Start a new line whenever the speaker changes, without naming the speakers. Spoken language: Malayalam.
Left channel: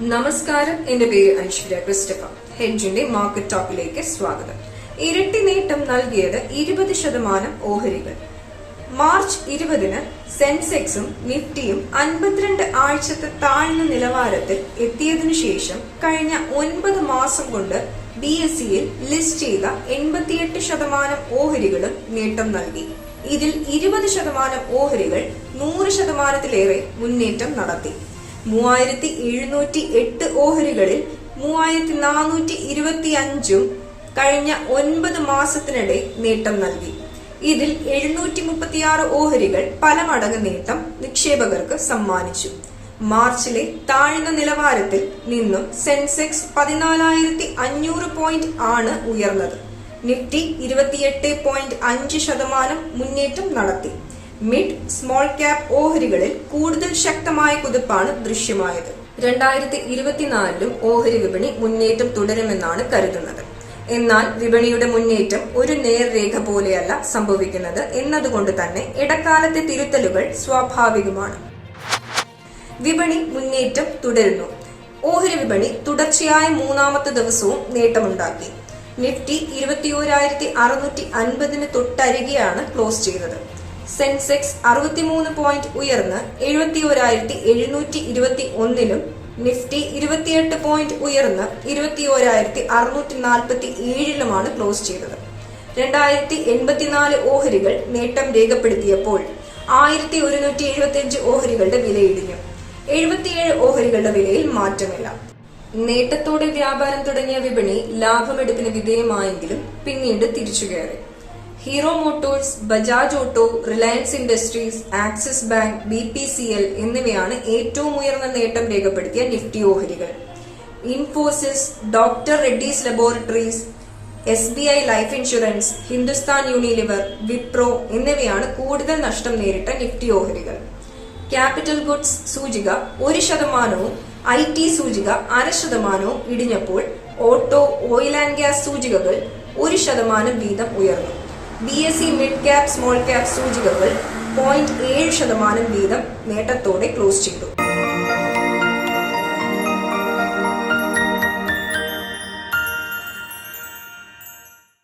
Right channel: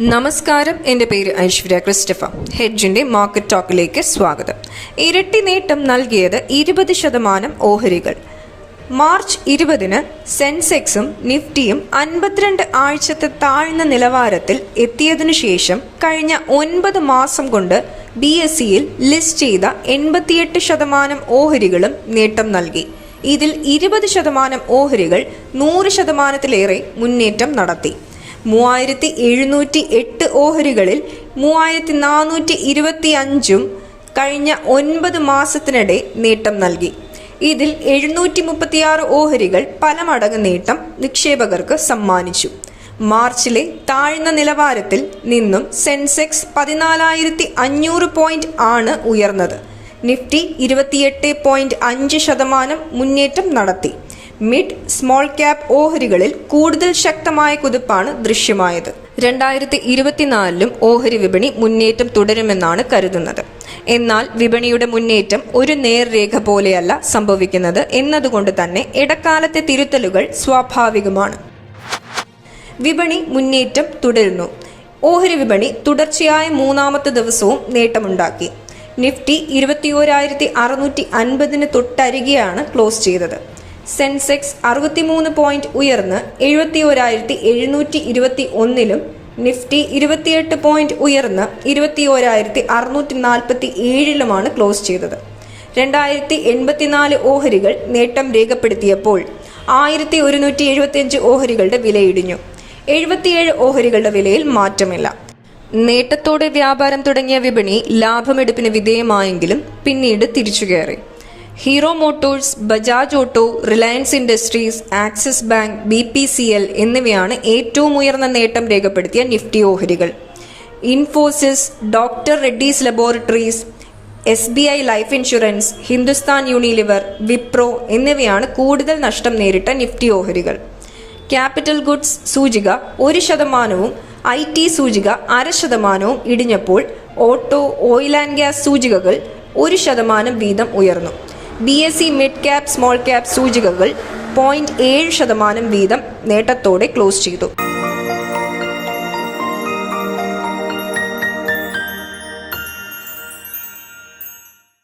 നമസ്കാരം. എന്റെ പേര് ഐശ്വര്യ ക്രിസ്റ്റഫ. ഹെഡ്ജിന്റെ മാർക്കറ്റ് ടോക്കിലേക്ക് സ്വാഗതം. ഇരട്ടി നേട്ടം നൽകിയത് ഇരുപത് ശതമാനം ഓഹരികൾ. മാർച്ച് ഇരുപതിന് സെൻസെക്സും നിഫ്റ്റിയും അൻപത്തിരണ്ട് ആഴ്ചത്തെ താഴ്ന്ന നിലവാരത്തിൽ എത്തിയതിനു ശേഷം കഴിഞ്ഞ ഒൻപത് മാസം കൊണ്ട് ബി എസ് സിയിൽ ലിസ്റ്റ് ചെയ്ത എൺപത്തിയെട്ട് ശതമാനം ഓഹരികളും നേട്ടം നൽകി. ഇതിൽ ഇരുപത് ശതമാനം ഓഹരികൾ നൂറ് ശതമാനത്തിലേറെ മുന്നേറ്റം നടത്തി. മൂവായിരത്തി എഴുന്നൂറ്റി എട്ട് ഓഹരികളിൽ മൂവായിരത്തി നാനൂറ്റി ഇരുപത്തി അഞ്ചും കഴിഞ്ഞ ഒൻപത് മാസത്തിനിടെ നേട്ടം നൽകി. ഇതിൽ എഴുന്നൂറ്റി മുപ്പത്തിയാറ് ഓഹരികൾ പല മടങ്ങ് നേട്ടം നിക്ഷേപകർക്ക് സമ്മാനിച്ചു. മാർച്ചിലെ താഴ്ന്ന നിലവാരത്തിൽ നിന്നും സെൻസെക്സ് പതിനാലായിരത്തി അഞ്ഞൂറ് പോയിന്റ് ആണ് ഉയർന്നത്. നിഫ്റ്റി ഇരുപത്തിയെട്ട് പോയിന്റ് അഞ്ച് ശതമാനം മുന്നേറ്റം നടത്തി. മിഡ് സ്മോൾ ക്യാപ് ഓഹരികളിൽ കൂടുതൽ ശക്തമായ കുതിപ്പാണ് ദൃശ്യമായത്. രണ്ടായിരത്തി ഇരുപത്തിനാലിലും ഓഹരി വിപണി മുന്നേറ്റം തുടരുമെന്നാണ് കരുതുന്നത്. എന്നാൽ വിപണിയുടെ മുന്നേറ്റം ഒരു നേർരേഖ പോലെയല്ല സംഭവിക്കുന്നത് എന്നതുകൊണ്ട് തന്നെ ഇടക്കാലത്തെ തിരുത്തലുകൾ സ്വാഭാവികമാണ്. വിപണി മുന്നേറ്റം തുടരുന്നു. ഓഹരി വിപണി തുടർച്ചയായ മൂന്നാമത്തെ ദിവസവും നേട്ടമുണ്ടാക്കി. നിഫ്റ്റി ഇരുപത്തിയോരായിരത്തി അറുന്നൂറ്റി അൻപതിന് തൊട്ടരികെയാണ് ക്ലോസ് ചെയ്തത്. സെൻസെക്സ് അറുപത്തിമൂന്ന് പോയിന്റ് ഉയർന്ന് എഴുപത്തി ഒരായിരത്തി എഴുന്നൂറ്റി ഇരുപത്തി ഒന്നിലും നിഫ്റ്റി ഇരുപത്തിയെട്ട് പോയിന്റ് ഉയർന്ന് ഇരുപത്തി ഒരായിരത്തി അറുന്നൂറ്റി നാൽപ്പത്തി ഏഴിലുമാണ് ക്ലോസ് ചെയ്തത്. രണ്ടായിരത്തി എൺപത്തിനാല് ഓഹരികൾ നേട്ടം രേഖപ്പെടുത്തിയപ്പോൾ ആയിരത്തി ഒരുന്നൂറ്റി എഴുപത്തിയഞ്ച് ഓഹരികളുടെ വിലയിടിഞ്ഞു. എഴുപത്തിയേഴ് ഓഹരികളുടെ വിലയിൽ മാറ്റമില്ല. നേട്ടത്തോടെ വ്യാപാരം തുടങ്ങിയ വിപണി ലാഭമെടുപ്പിന് വിധേയമായെങ്കിലും പിന്നീട് തിരിച്ചുകയറി. Hero motors Bajaj auto Reliance industries Axis bank B P C L എന്നിവയാണ് ഏറ്റവും ഉയർന്ന നേട്ടം രേഖപ്പെടുത്തിയ നിഫ്റ്റി ഓഹരികൾ. Infosys doctor Reddy's laboratories S B I life insurance Hindustan Unilever Wipro എന്നിവയാണ് കൂടുതൽ നഷ്ടം നേരിട്ട നിഫ്റ്റി ഓഹരികൾ. ക്യാപിറ്റൽ ഗുഡ്സ് സൂചിക ഒരു ശതമാനവും ഐ ടി സൂചിക അര ശതമാനവും ഇടിഞ്ഞപ്പോൾ ഓട്ടോ ഓയിൽ ആൻഡ് ഗ്യാസ് സൂചികകൾ ഒരു ശതമാനം വീതം ഉയർന്നു. B S C mid cap small cap സൂചികകൾ പോയിന്റ് ഏഴ് ശതമാനം വീതം നേട്ടത്തോടെ ക്ലോസ് ചെയ്തു.